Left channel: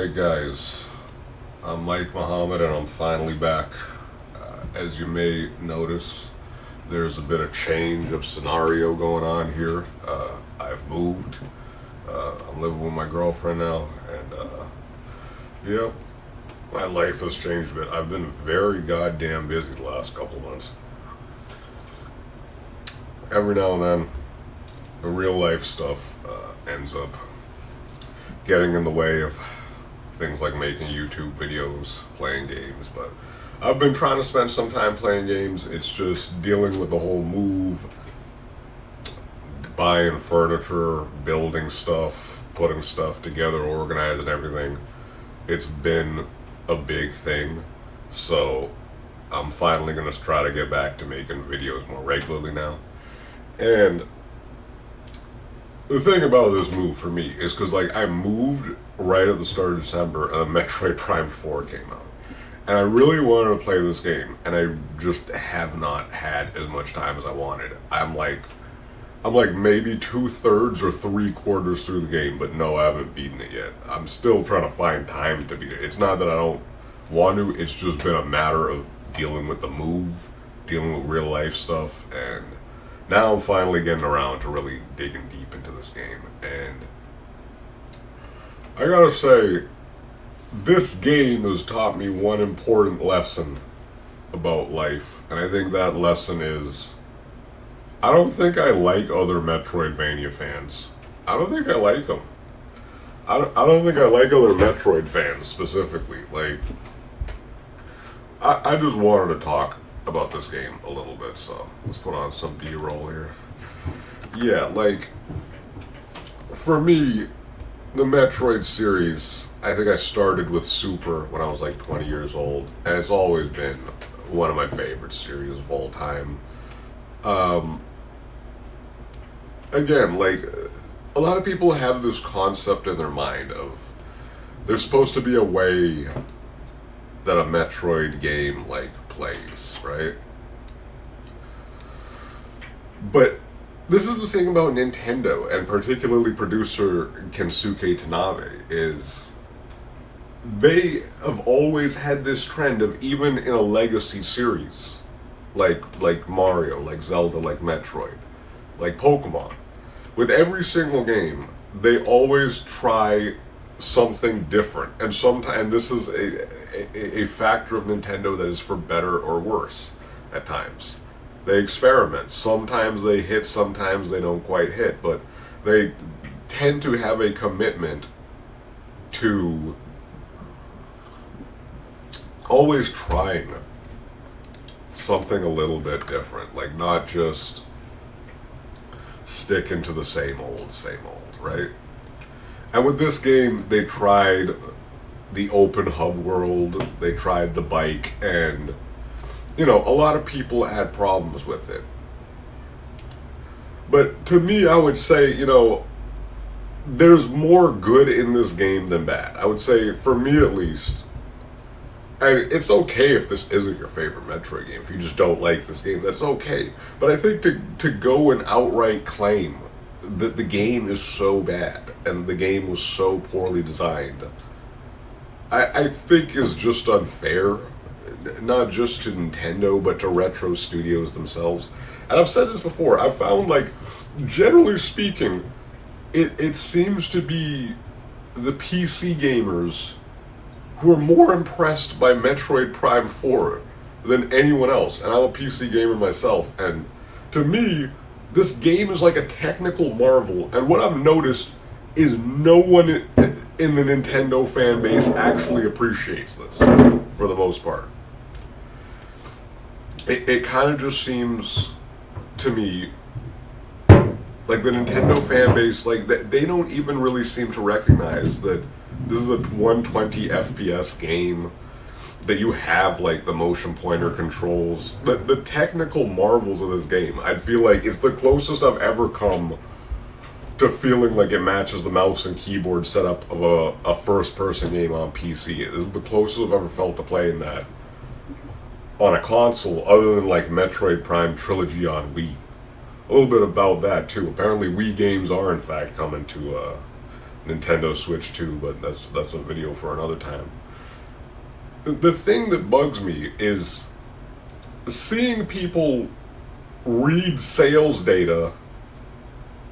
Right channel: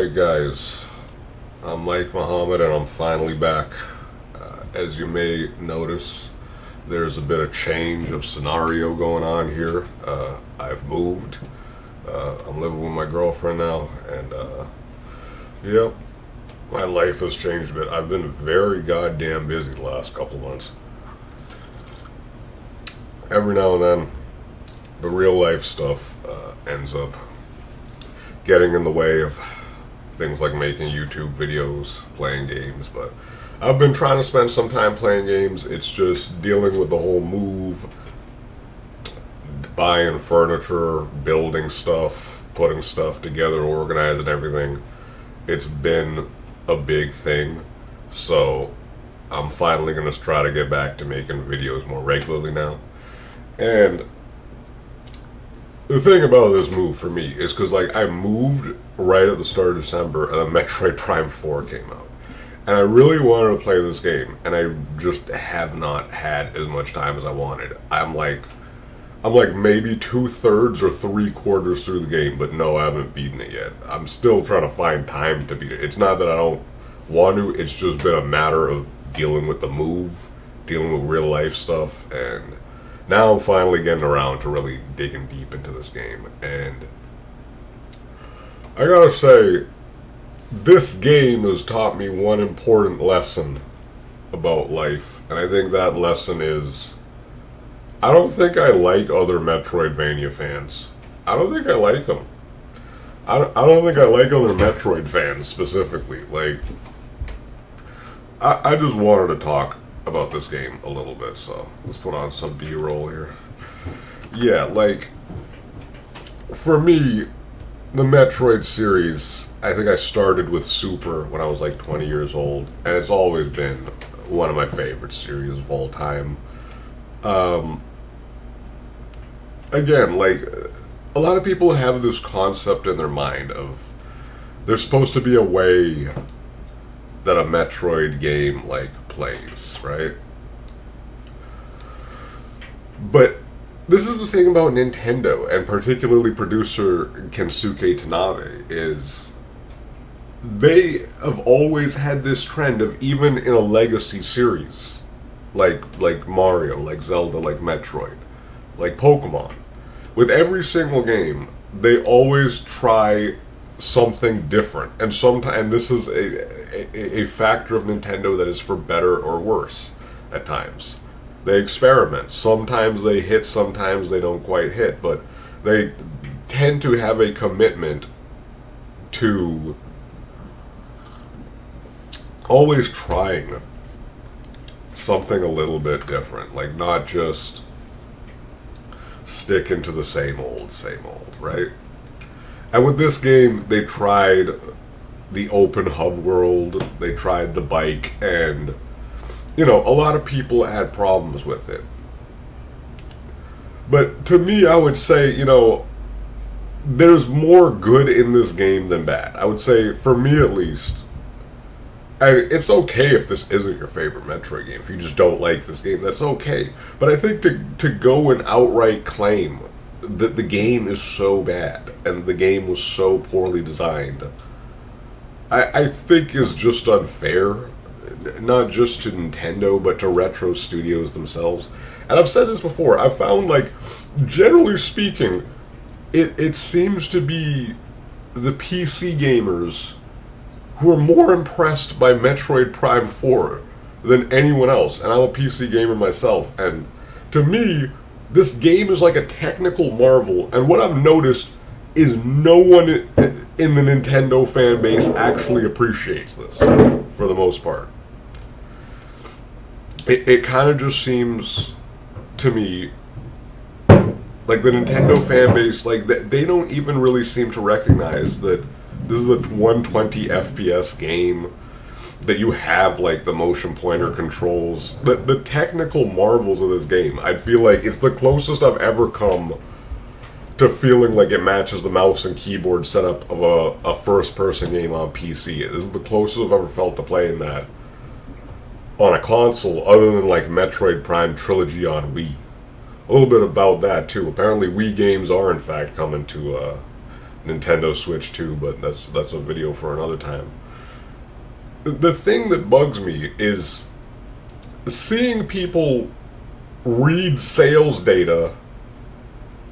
Alright, guys, I'm Mike Muhammad and I'm finally back. As you may notice, there's a bit of change of scenario going on here. I've moved. I'm living with my girlfriend now, and yep, my life has changed a bit. I've been very goddamn busy the last couple of months. Every now and then, the real life stuff ends up getting in the way of things like making YouTube videos, playing games, but I've been trying to spend some time playing games. It's just dealing with the whole move, buying furniture, building stuff, putting stuff together, organizing everything. It's been a big thing, so I'm finally going to try to get back to making videos more regularly now. And the thing about this move for me is because I moved right at the start of December and Metroid Prime 4 came out. And I really wanted to play this game, and I just have not had as much time as I wanted. I'm like maybe 2/3 or 3/4 through the game, but no, I haven't beaten it yet. I'm still trying to find time to beat it. It's not that I don't want to, it's just been a matter of dealing with the move, dealing with real life stuff, and now I'm finally getting around to really digging deep into this game. And I gotta say, this game has taught me one important lesson about life, and I think that lesson is I don't think I like other Metroidvania fans. I don't think I like them. I don't think I like other Metroid fans specifically. I just wanted to talk about this game a little bit, so let's put on some B-roll here. Yeah, for me, the Metroid series, I think I started with Super when I was 20 years old, and it's always been one of my favorite series of all time. Again, a lot of people have this concept in their mind of there's supposed to be a way that a Metroid game plays, right? But this is the thing about Nintendo, and particularly producer Kensuke Tanabe, is they have always had this trend of, even in a legacy series, like Mario, like Zelda, like Metroid, like Pokemon, with every single game, they always try something different, and this is a factor of Nintendo that is for better or worse at times. They experiment. Sometimes they hit, sometimes they don't quite hit, but they tend to have a commitment to always trying something a little bit different, not just sticking to the same old, right? And with this game, they tried the open hub world, they tried the bike, and a lot of people had problems with it. But to me, I would say, there's more good in this game than bad. I would say, for me at least, and it's okay if this isn't your favorite Metroid game. If you just don't like this game, that's okay. But I think to go and outright claim that the game is so bad and the game was so poorly designed, I think is just unfair. Not just to Nintendo, but to retro studios themselves. And I've said this before, I've found, generally speaking, it seems to be the PC gamers who are more impressed by Metroid Prime 4 than anyone else. And I'm a PC gamer myself, and to me, this game is like a technical marvel. And what I've noticed is no one in the Nintendo fan base actually appreciates this, for the most part. It kind of just seems to me like the Nintendo fan base, they don't even really seem to recognize that this is a 120 FPS game, that you have the motion pointer controls, the technical marvels of this game. I feel like it's the closest I've ever come to feeling like it matches the mouse and keyboard setup of a first-person game on PC. This is the closest I've ever felt to playing that on a console, other than Metroid Prime Trilogy on Wii. A little bit about that too. Apparently Wii games are in fact coming to Nintendo Switch 2, but that's a video for another time. The thing that bugs me is seeing people read sales data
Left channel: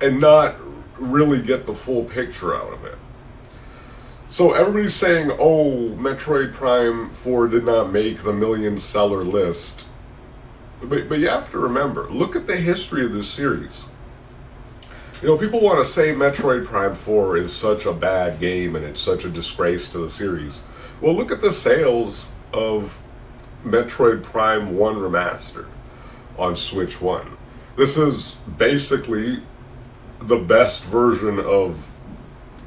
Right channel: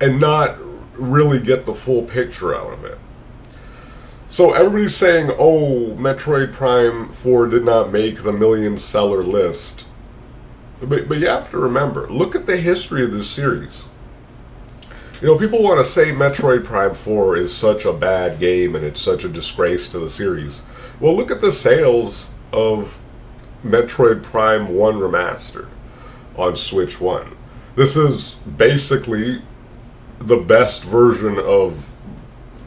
and not really get the full picture out of it. So everybody's saying, oh, Metroid Prime 4 did not make the million seller list. But you have to remember, look at the history of this series. You know, people want to say Metroid Prime 4 is such a bad game and it's such a disgrace to the series. Well, look at the sales of Metroid Prime 1 Remastered on Switch 1. This is basically the best version of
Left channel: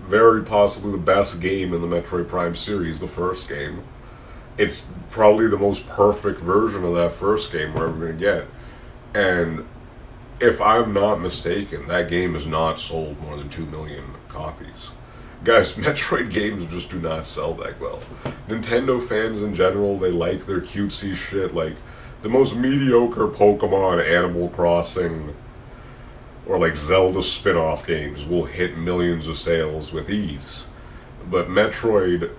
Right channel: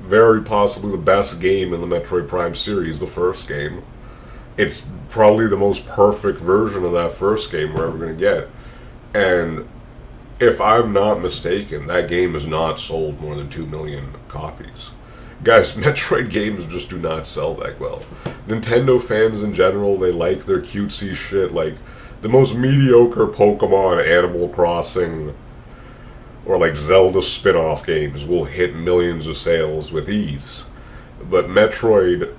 very possibly the best game in the Metroid Prime series, the first game. It's probably the most perfect version of that first game we're ever going to get. And if I'm not mistaken, that game has not sold more than 2 million copies. Guys, Metroid games just do not sell that well. Nintendo fans in general, they like their cutesy shit, like the most mediocre Pokemon, Animal Crossing, or like Zelda spin-off games will hit millions of sales with ease. But Metroid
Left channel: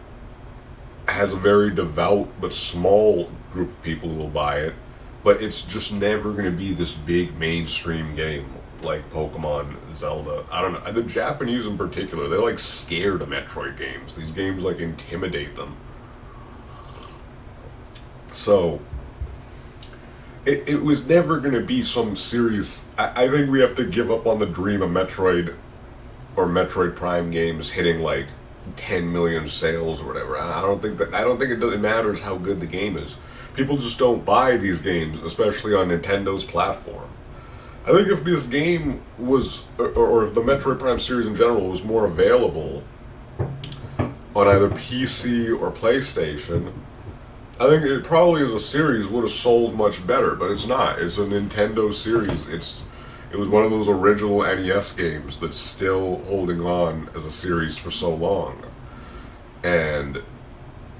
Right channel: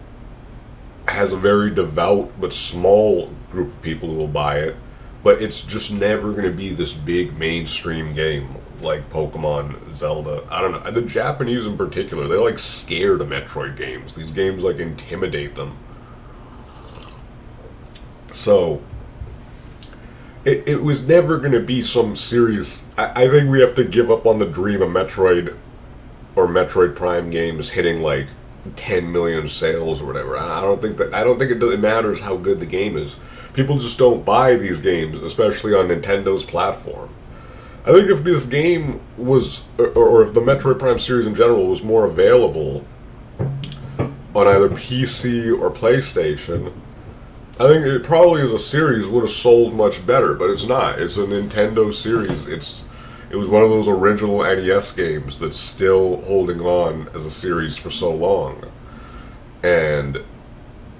has a very devout but small group of people who will buy it, but it's just never going to be this big mainstream game like Pokemon, Zelda. I don't know. The Japanese in particular, they're like scared of Metroid games. These games like intimidate them. So it was never going to be some serious. I think we have to give up on the dream of Metroid or Metroid Prime games hitting like 10 million sales or whatever. I don't think it really matters how good the game is. People just don't buy these games, especially on Nintendo's platform. I think if this game was, or if the Metroid Prime series in general was more available on either PC or PlayStation, I think it probably as a series would have sold much better, but it's not. It's a Nintendo series. It was one of those original NES games that's still holding on as a series for so long. And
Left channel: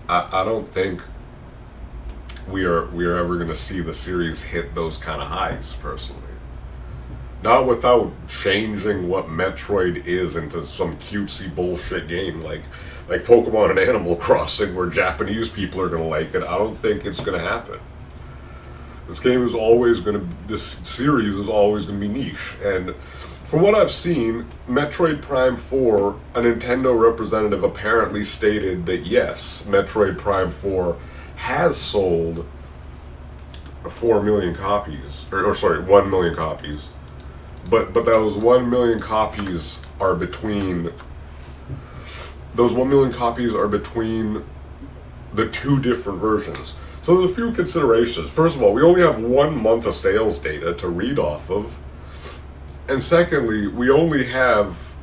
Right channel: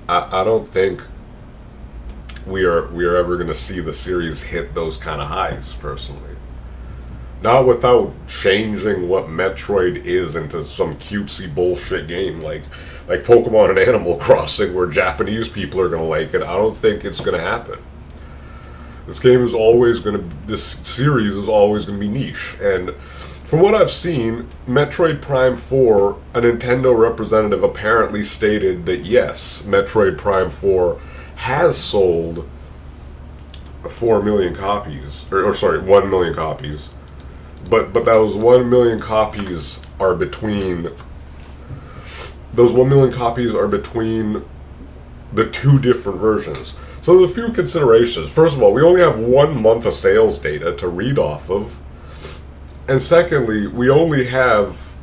I don't think we are ever going to see the series hit those kind of highs, personally. Not without changing what Metroid is into some cutesy bullshit game like Pokemon and Animal Crossing where Japanese people are going to like it. I don't think it's going to happen. This series is always going to be niche. And from what I've seen, Metroid Prime 4, a Nintendo representative apparently stated that yes, Metroid Prime 4 has sold 4 million copies, or sorry, 1 million copies. But those 1 million copies are between the two different versions. So there's a few considerations. First of all, we only have 1 month of sales data to read off of. And secondly, we only have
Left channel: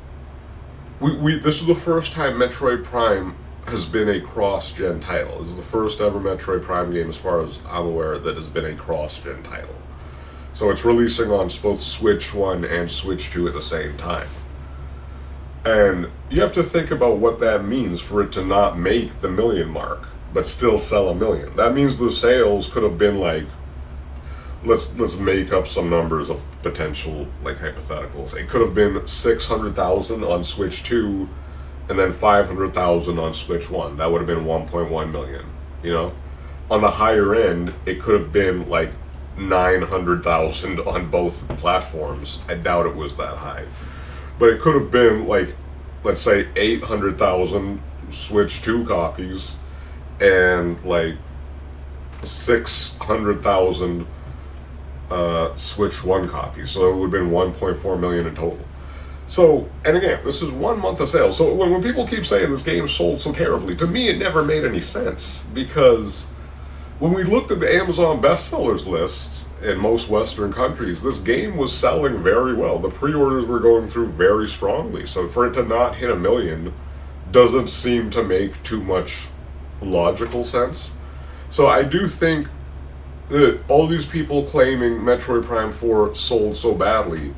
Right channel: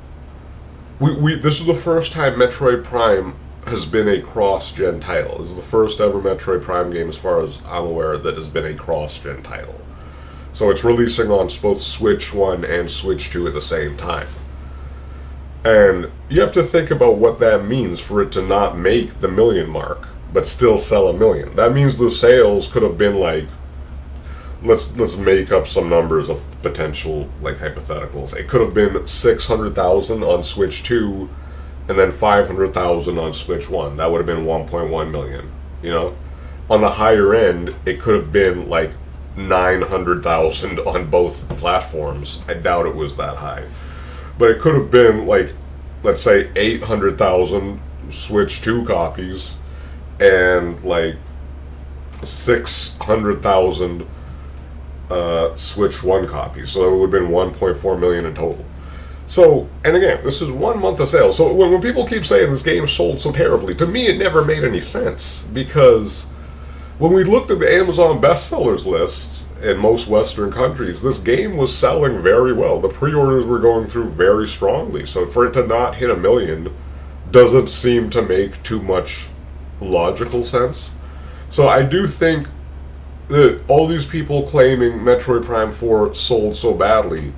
this is the first time Metroid Prime has been a cross-gen title. This is the first ever Metroid Prime game, as far as I'm aware, that has been a cross-gen title. So it's releasing on both Switch 1 and Switch 2 at the same time. And you have to think about what that means for it to not make the million mark, but still sell 1 million. That means the sales could have been like, let's make up some numbers of potential, like, hypotheticals. It could have been 600,000 on Switch 2, and then 500,000 on Switch 1. That would have been 1.1 million, you know? On the higher end, it could have been like 900,000 on both platforms. I doubt it was that high. But it could have been like, let's say 800,000 Switch 2 copies and like 600,000 Switch 1 copies. So it would have been 1.4 million in total. So, and again, this is 1 month of sales. So when people keep saying this game sold so terribly, to me it never made any sense, because when we looked at the Amazon bestsellers lists in most Western countries, this game was selling very well. The pre-orders were going through very strongly. So for it to not hit 1 million doesn't seem to make too much logical sense. So I do think that all these people claiming Metroid Prime 4 sold so badly,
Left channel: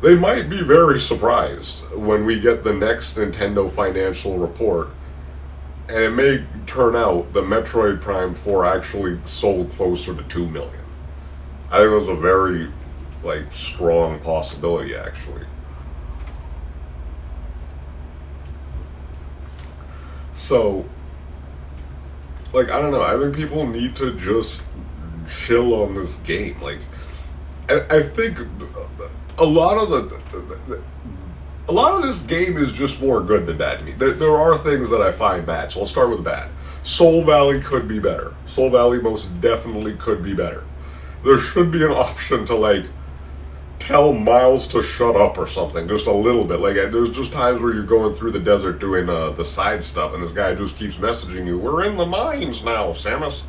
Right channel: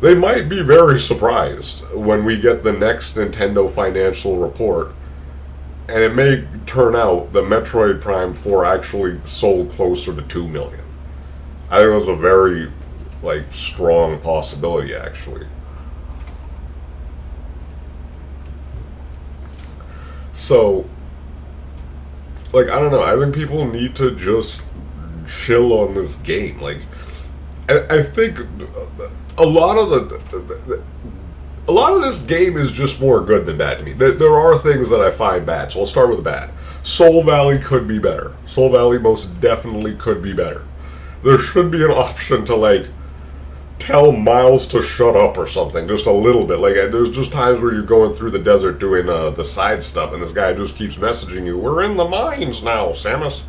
they might be very surprised when we get the next Nintendo financial report. And it may turn out that Metroid Prime 4 actually sold closer to 2 million. I think that's a very, like, strong possibility, actually. So, like, I don't know. I think people need to just chill on this game. Like, I think a lot of a lot of this game is just more good than bad to me. There are things that I find bad, so I'll start with bad. Soul Valley could be better. Soul Valley most definitely could be better. There should be an option to, like, tell Miles to shut up or something, just a little bit. Like, there's just times where you're going through the desert doing the side stuff, and this guy just keeps messaging you. We're in the mines now, Samus.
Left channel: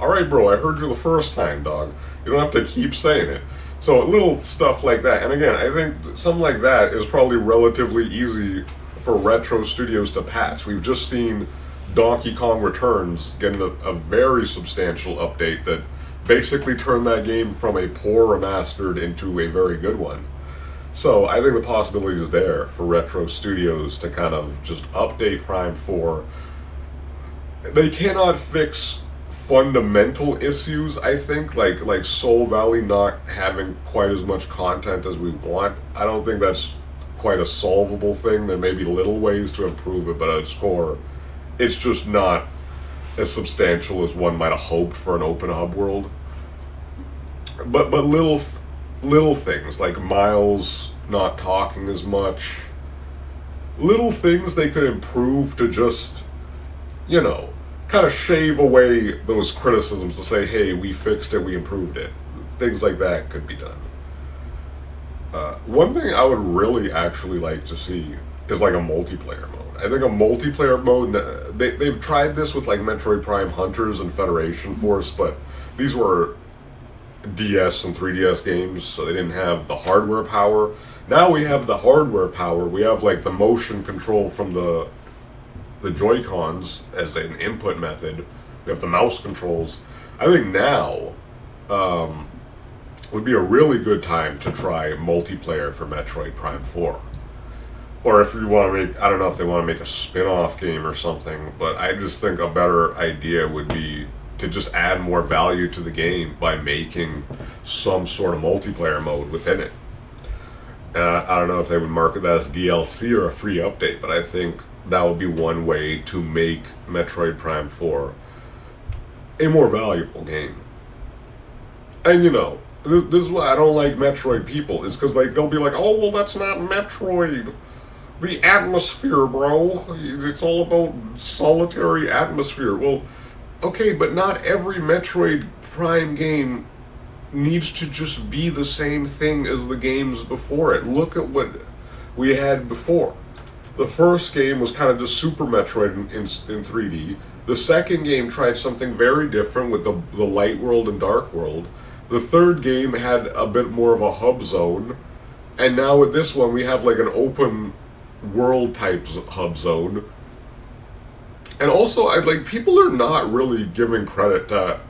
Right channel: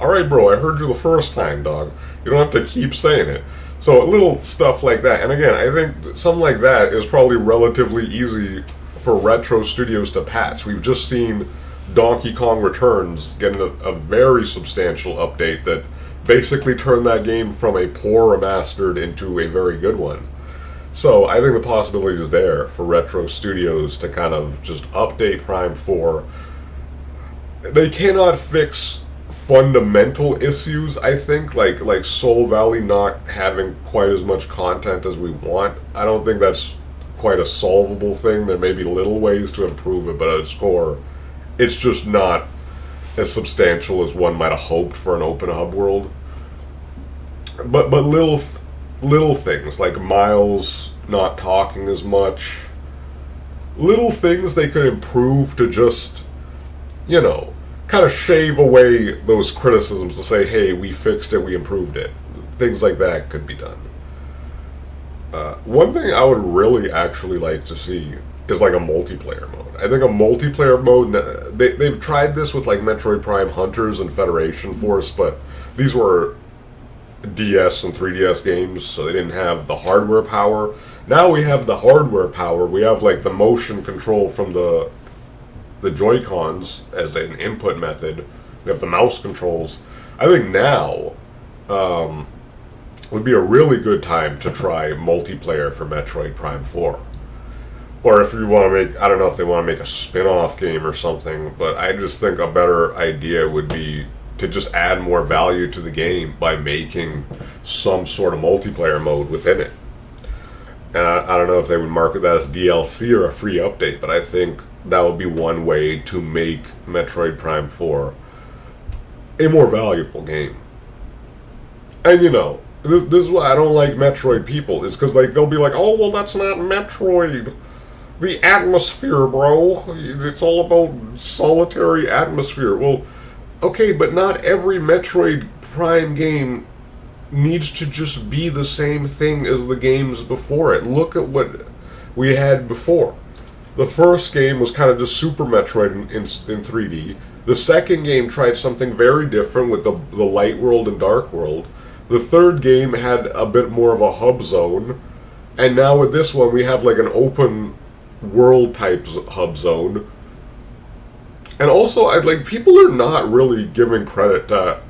All right, bro. I heard you the first time, dog. You don't have to keep saying it. So little stuff like that. And again, I think something like that is probably relatively easy for Retro Studios to patch. We've just seen Donkey Kong Returns getting a very substantial update that basically turned that game from a poor remastered into a very good one. So I think the possibility is there for Retro Studios to kind of just update Prime 4. They cannot fix fundamental issues, I think, like Soul Valley not having quite as much content as we want. I don't think that's quite a solvable thing. There may be little ways to improve it, but at its core, it's just not as substantial as one might have hoped for an open hub world. But little things like Miles not talking as much, little things they could improve to just, you know, kind of shave away those criticisms to say, hey, we fixed it, we improved it. Things like that could be done. One thing I would really actually like to see is like a multiplayer mode. I think a multiplayer mode, they've tried this with like Metroid Prime Hunters and Federation Force, but these were DS and 3DS games, so they didn't have the hardware power. Now we have the hardware power. We have like the motion control from the Joy-Cons as an input method. We have the mouse controls. I think now would be a really good time to try multiplayer for Metroid Prime 4. Or if you want to make, I don't know if they want to make a spin-off game or something, but I just think a better idea would be to just add more value to the game by making some sort of multiplayer mode within it. And I don't know if they would market that as DLC or a free update, but I think that would be one way to make Metroid Prime 4 a more valuable game. And you know, this is why I don't like Metroid people, is because like they'll be like, oh, well, that's not Metroid. The atmosphere, bro. It's all about solitary atmosphere. Well, okay, but not every Metroid Prime game needs to just be the same thing as the games before it. Look at what we had before. The first game was kind of just Super Metroid in 3D. The second game tried something very different with the Light World and Dark World. The third game had a bit more of a hub zone. And now with this one, we have like an open world type hub zone. And also, people are not really giving credit to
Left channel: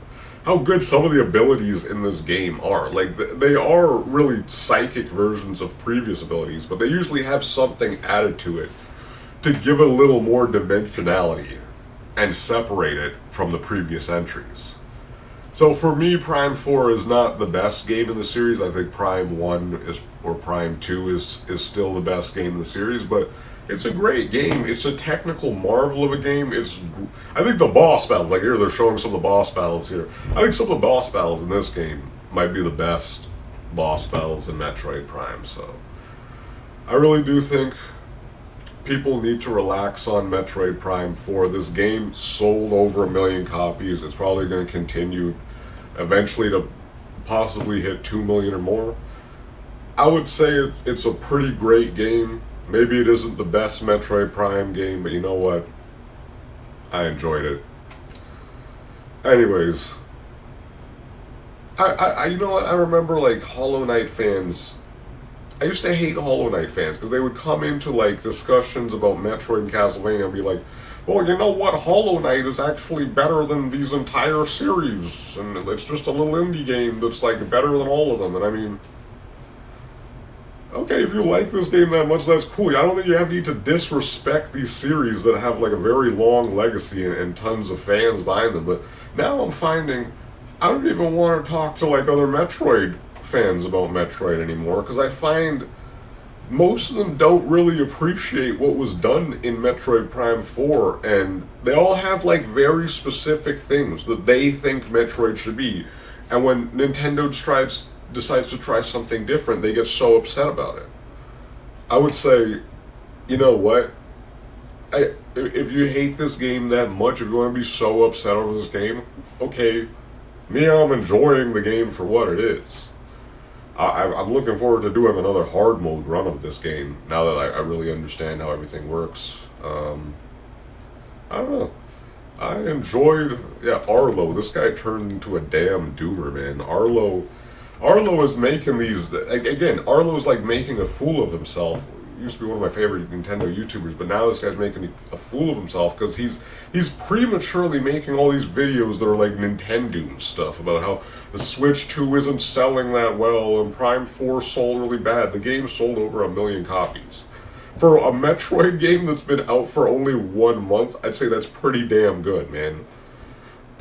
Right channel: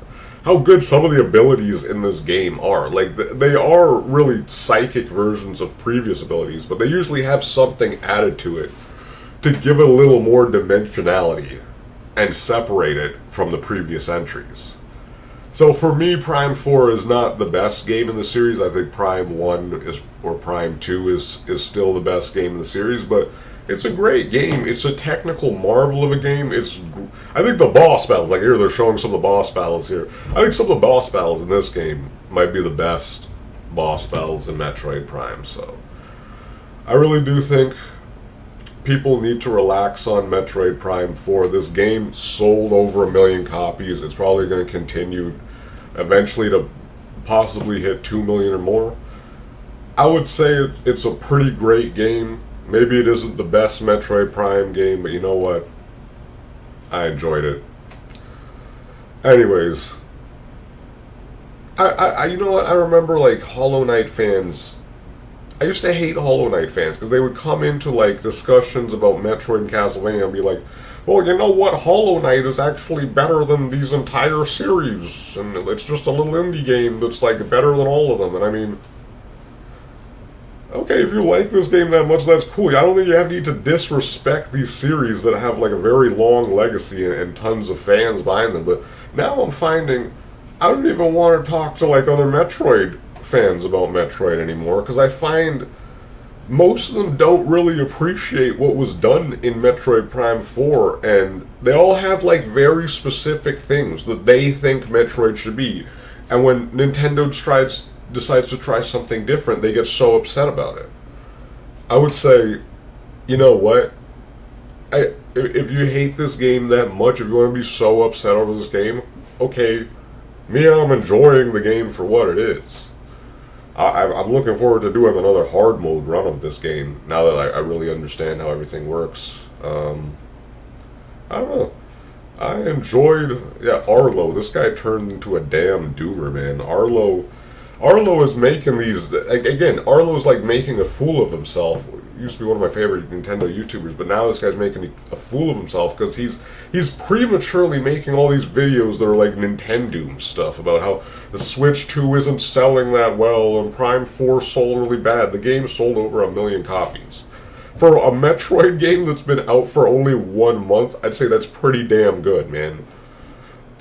how good some of the abilities in this game are. Like, they are really psychic versions of previous abilities, but they usually have something added to it to give it a little more dimensionality and separate it from the previous entries. So for me, Prime 4 is not the best game in the series. I think Prime 1 or Prime 2 is still the best game in the series, but it's a great game. It's a technical marvel of a game. I think the boss battles, like here, they're showing some of the boss battles here. I think some of the boss battles in this game might be the best boss battles in Metroid Prime. So I really do think people need to relax on Metroid Prime 4. This game sold over 1 million copies. It's probably going to continue eventually to possibly hit 2 million or more. I would say it's a pretty great game. Maybe it isn't the best Metroid Prime game, but you know what? I enjoyed it. Anyways, I you know what? I remember like Hollow Knight fans. I used to hate Hollow Knight fans because they would come into like discussions about Metroid and Castlevania and be like, well, you know what? Hollow Knight is actually better than these entire series, and it's just a little indie game that's like better than all of them. And I mean, okay, if you like this game that much, that's cool. I don't think you need to disrespect these series that have like a very long legacy and tons of fans behind them. But now I'm finding I don't even want to talk to like other Metroid fans about Metroid anymore, because I find most of them don't really appreciate what was done in Metroid Prime 4, and they all have like very specific things that they think Metroid should be. And when Nintendo decides to try something different, they get so upset about it. I would say, you know what? If you hate this game that much, if you want to be so upset over this game, okay, me, I'm enjoying the game for what it is. I'm looking forward to doing another hard mode run of this game now that I really understand how everything works. I don't know. I enjoyed, yeah, Arlo. This guy turned into a damn doomer, man. Arlo is making these, again, Arlo's like making a fool of himself. Used to be one of my favorite Nintendo YouTubers, but now this guy's making a fool of himself because he's prematurely making all these videos that are like Nintendo stuff about how the Switch 2 isn't selling that well and Prime 4 sold really bad. The game sold over 1 million copies. For a Metroid game that's been out for only 1 month, I'd say that's pretty damn good, man.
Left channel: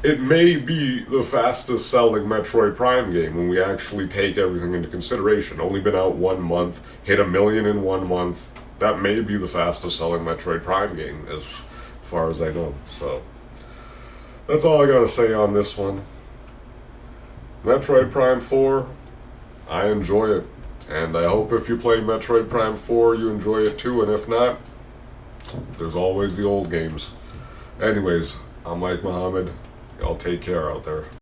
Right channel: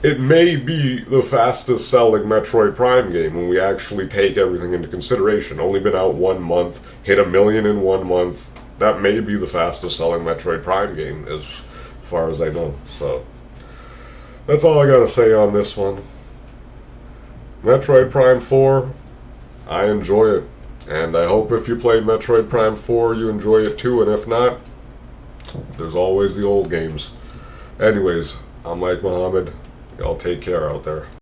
It may be the fastest selling Metroid Prime game when we actually take everything into consideration. Only been out 1 month, hit 1 million in 1 month. That may be the fastest selling Metroid Prime game as far as I know. So that's all I gotta say on this one. Metroid Prime 4, I enjoy it. And I hope if you play Metroid Prime 4 you enjoy it too, and if not, there's always the old games. Anyways, I'm Mike Muhammad. Y'all take care out there.